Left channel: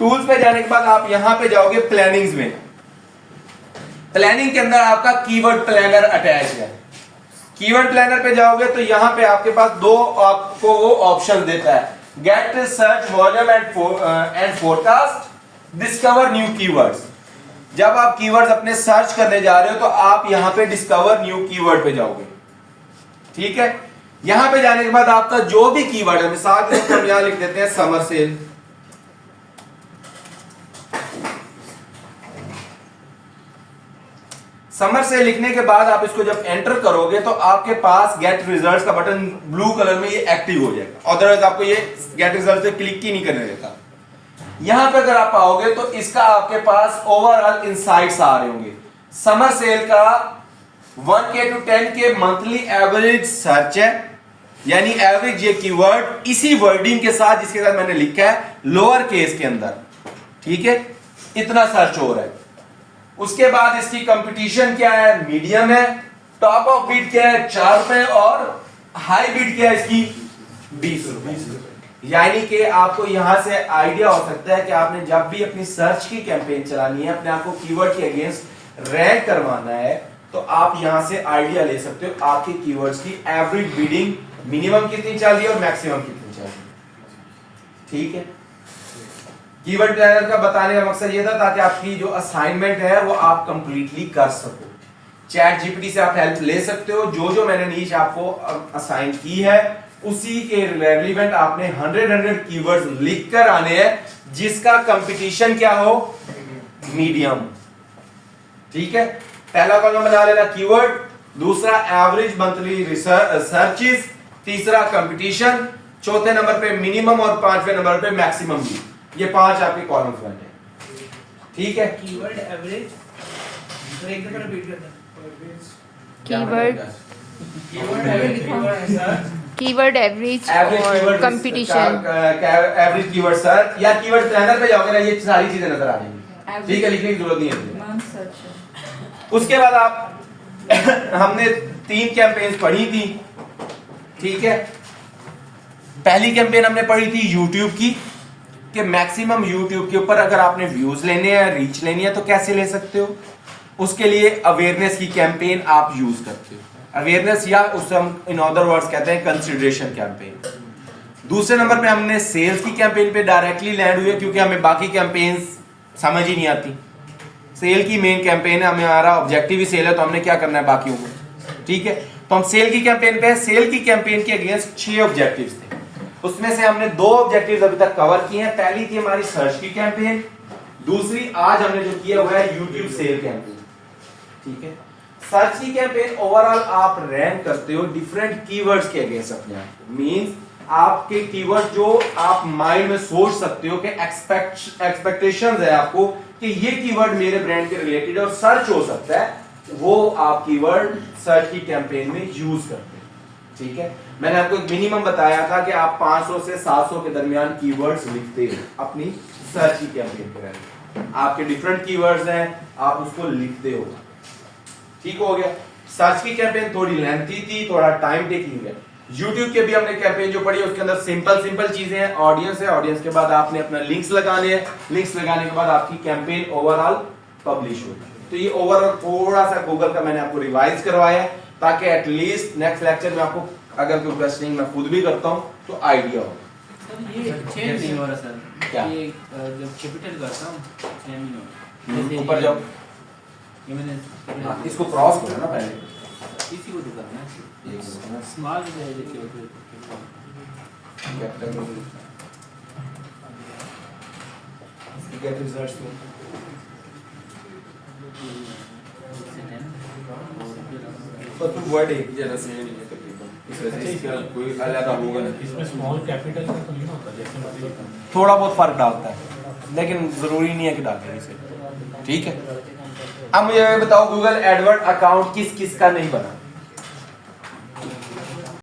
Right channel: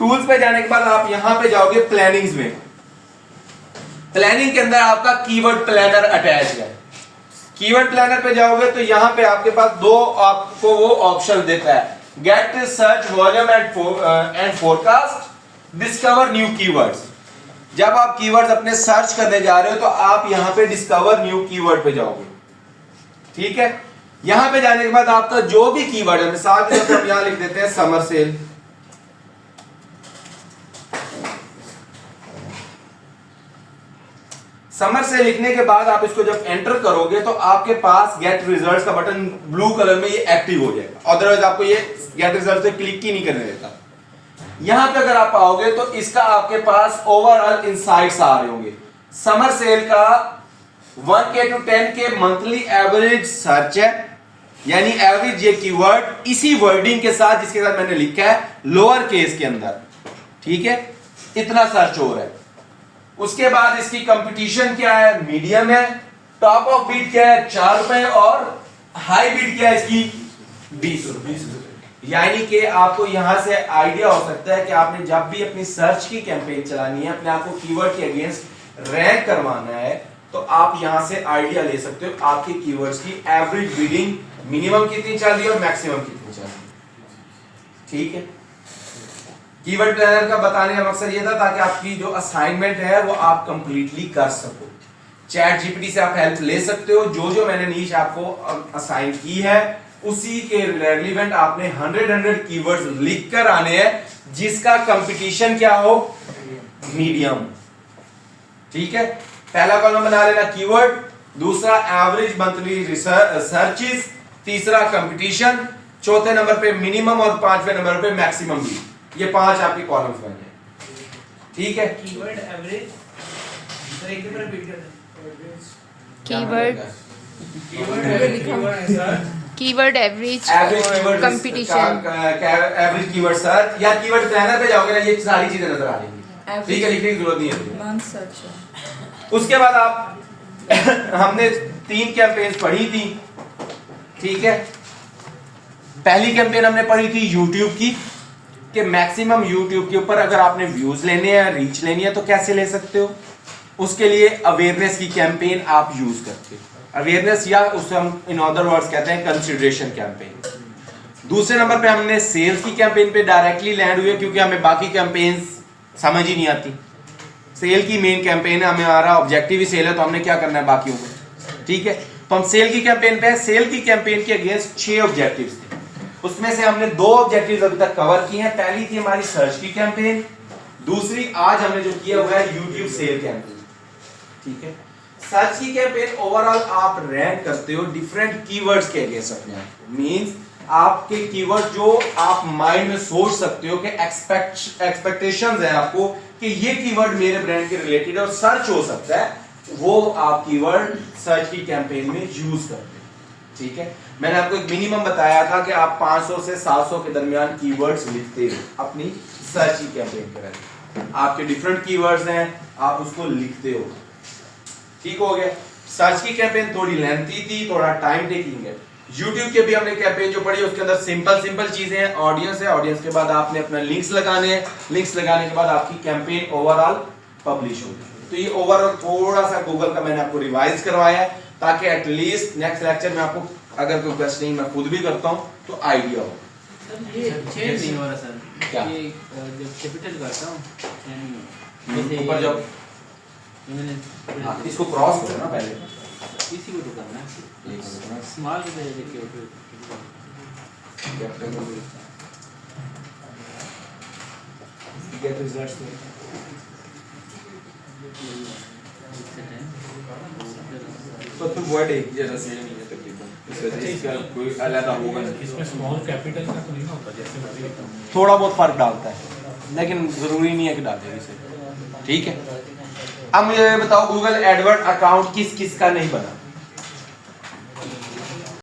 Tools पे जाने के बाद आप यहां पे जाओगे प्लानिंग्स में। प्लानिंग के अंदर आपका कीवर्ड प्लानर अटैच है। कीवर्ड प्लानर पे जाओगे तो यहां पे आपके पास दो आपको वो ऑप्शन देता है, get search volume and forecast, discover new keywords. जब आप कीवर्ड्स अपने सर्च करने जा रहे हो तो आप यहां पे डिस्कवर न्यू कीवर्ड पे जाओगे। ठीक है, यहां पे जाने के बाद आपका जो भी कीवर्ड है, मिसाल के तौर पर यहां लिख देते हैं समर सेल। समर से लिखने के बाद आप इसको जब एंटर करोगे तो आपके पास गेट रिजल्ट्स का बटन ब्लू कलर में ये एक्टिव हो जाएगा, अदरवाइज आपको ये गेट रिजल्ट पे क्लिक ही नहीं करने देता। यहां पे अगर आप आओगे तो इसका आपके पास ओवरऑल इनसाइट्स आ रहे होंगे। समर सेल का 1K to 10K monthly average search है, यानी एवरेज ये कीवर्ड इसी वर्डिंग के साथ जिसके साथ मैंने लिखा है लोअर केस के अंदर। ठीक है, इतना सर्च हो रहा है। उसके बाद इसकी कंपटीशन क्या है, मीडियम है। टॉप ऑफ बीट क्या है, 4 रुपए, और हाई बीट क्या है इसकी 20 रुपए। यानी कि आपको यहां से आइडिया हो सकता है कि आपने जब भी अपनी सर्च की कैंपेन चलानी है, अपने आपको कीवर्ड के अगेंस्ट रैंक करवाना है, तो आप यहां से आइडिया ले सकते हो आपके कीवर्ड्स की एवरेज बीडिंग मिनिमम कितनी चाहिए और मैक्सिमम कितनी चाहिए। ठीक है, कीवर्ड प्लानर का बताने का मकसद ये था ताकि आपकी जो असाइनमेंट है वो आप कंप्लीटली कर सको। चैट जीपीटी से आप हेल्प ले सकते हो। जो जो मैंने नीच आपको असाइन की है उसी के रेलिवेंट आपने 100 कीवर्ड्स लिख कर आने हैं, जिसका कंपटीशन क्या हो, मीडियम। ठीक है, पहला कॉलम बना लेना कीवर्ड, दूसरा एवरेज मंथली सर्चेस, तीसरा कंपटीशन, चौथे नंबर पे मिनिमम और पांचवें नंबर पे मैक्सिमम भी। ये 5 आपके कॉलम्स बने। ठीक है, कीवर्ड एवरेज, सर एक बार रिपीट कर कीवर्ड कीवर्ड एवरेज और कंपटीशन, एवरेज कीवर्ड सर्च या कीवर्ड प्लानर पे जाओगे ना, ये सारी चीजें नजर आ जाएंगी। ठीक है, लिखने की जरूरत नहीं है। उसके बाद आप हमने 3 कैंपेन्स पढ़ी थी। ठीक है, पहली कैंपेन हमने पढ़ी थी यूट्यूब की, कि मैक्सिमम यूट्यूब के ऊपर अगर आपने व्यूज लेने हैं, रीच लेनी है तो कैसे ले सकते हो। उसके लिए अवेयरनेस की कैंपेन आप यूज करते हो। अवेयरनेस या उसे हम इन अदर वर्ड्स कहते हैं कंसिडरेशन कैंपेन। दूसरे नंबर पे हमने सेल्स की कैंपेन पे डायरेक्टली लैंड हुए, क्योंकि हमें बाकी कैंपेन्स समझ ही नहीं आती। सेल की मेन कैंपेन है, हमारा ऑब्जेक्टिव ही सेल है, तो हमने क्या करना है बाकियों को। ठीक है, तो हम सेल की कैंपेन पे, सेल की कैंपेन के अगेंस्ट 6 ऑब्जेक्टिव्स थे। उसमें से हमने 2 ऑब्जेक्टिव्स अभी तक कवर किए हैं। पहली थी हमारी सर्च की कैंपेन, दूसरी आज हमने जो किया हुआ है यूट्यूब सेल कैंपेन। ठीक है, सर्च की कैंपेन ओवरऑल आप रैंक करते हो डिफरेंट कीवर्ड्स के अगेंस्ट अपने आप को। मींस आपके कीवर्ड जो आप माइंड में सोच सकते हो कि एक्सपेक्टेशंस है आपको कि ये कीवर्ड मेरे ब्रांड के रिलेटेड और सर्च हो सकता है, वो आप कीवर्ड सर्च की कैंपेन में यूज करते हो। ठीक है, मैंने आपको एक मिनिमम बताया था कि आप 500 से 700 के दरमियान कीवर्ड्स लिखते हो अपनी सर्च की कैंपेन के लिए। आपके डिफरेंट कीवर्ड्स हैं, आप उसको लिखते हो। ठीक हो गया। सर्च की कैंपेन थोड़ी लेंथी थी, थोड़ा टाइम टेकिंग है। यूट्यूब के भी हमने कैंपेन जो पढ़ी उसके अंदर सिंपल चीजें हैं। ऑडियंस है, ऑडियंस के बाद आपने अपने लिंक्स लगाने हैं, लिंक्स लगाने के बाद आपकी कैंपेन ओवरऑल पब्लिश होगी। तो ये ओवरऑल थोड़ा सा गूगल का मैंने आपको रिवाइज करवाया है, ताकि एटलीस्ट नेक्स्ट लेक्चर में आपको अगर कोई क्वेश्चनिंग मैं खुद भी करता हूं तो आइडिया हो। ये चेंज नहीं हो रहा सर, क्या? ये जब कैपिटल करता हूं चेंज नहीं हो रहा। जैसे ऊपर जाओ, ये मैंने इसको क्रॉस करो ना पहले, इसी को तो करना है। ये करो स्मॉल के देखिए कैपिटल में गेट रिजल्ट्स तो तू वर्ड एक जैसा सेम नहीं है तकरीबन, इस वजह से इसका कोई अलग होगा नहीं। इसमें स्मॉल कैपिटल का तो नहीं ना होता, जैसे मर्जी लिखता हूं। थोड़ा बहुत फर्क डालता है, लेकिन जरूरी नहीं है कि डाले इसे। ठीक है, अब मुझे बताओ गूगल एडवर्ड अकाउंट किस किस का नहीं बना।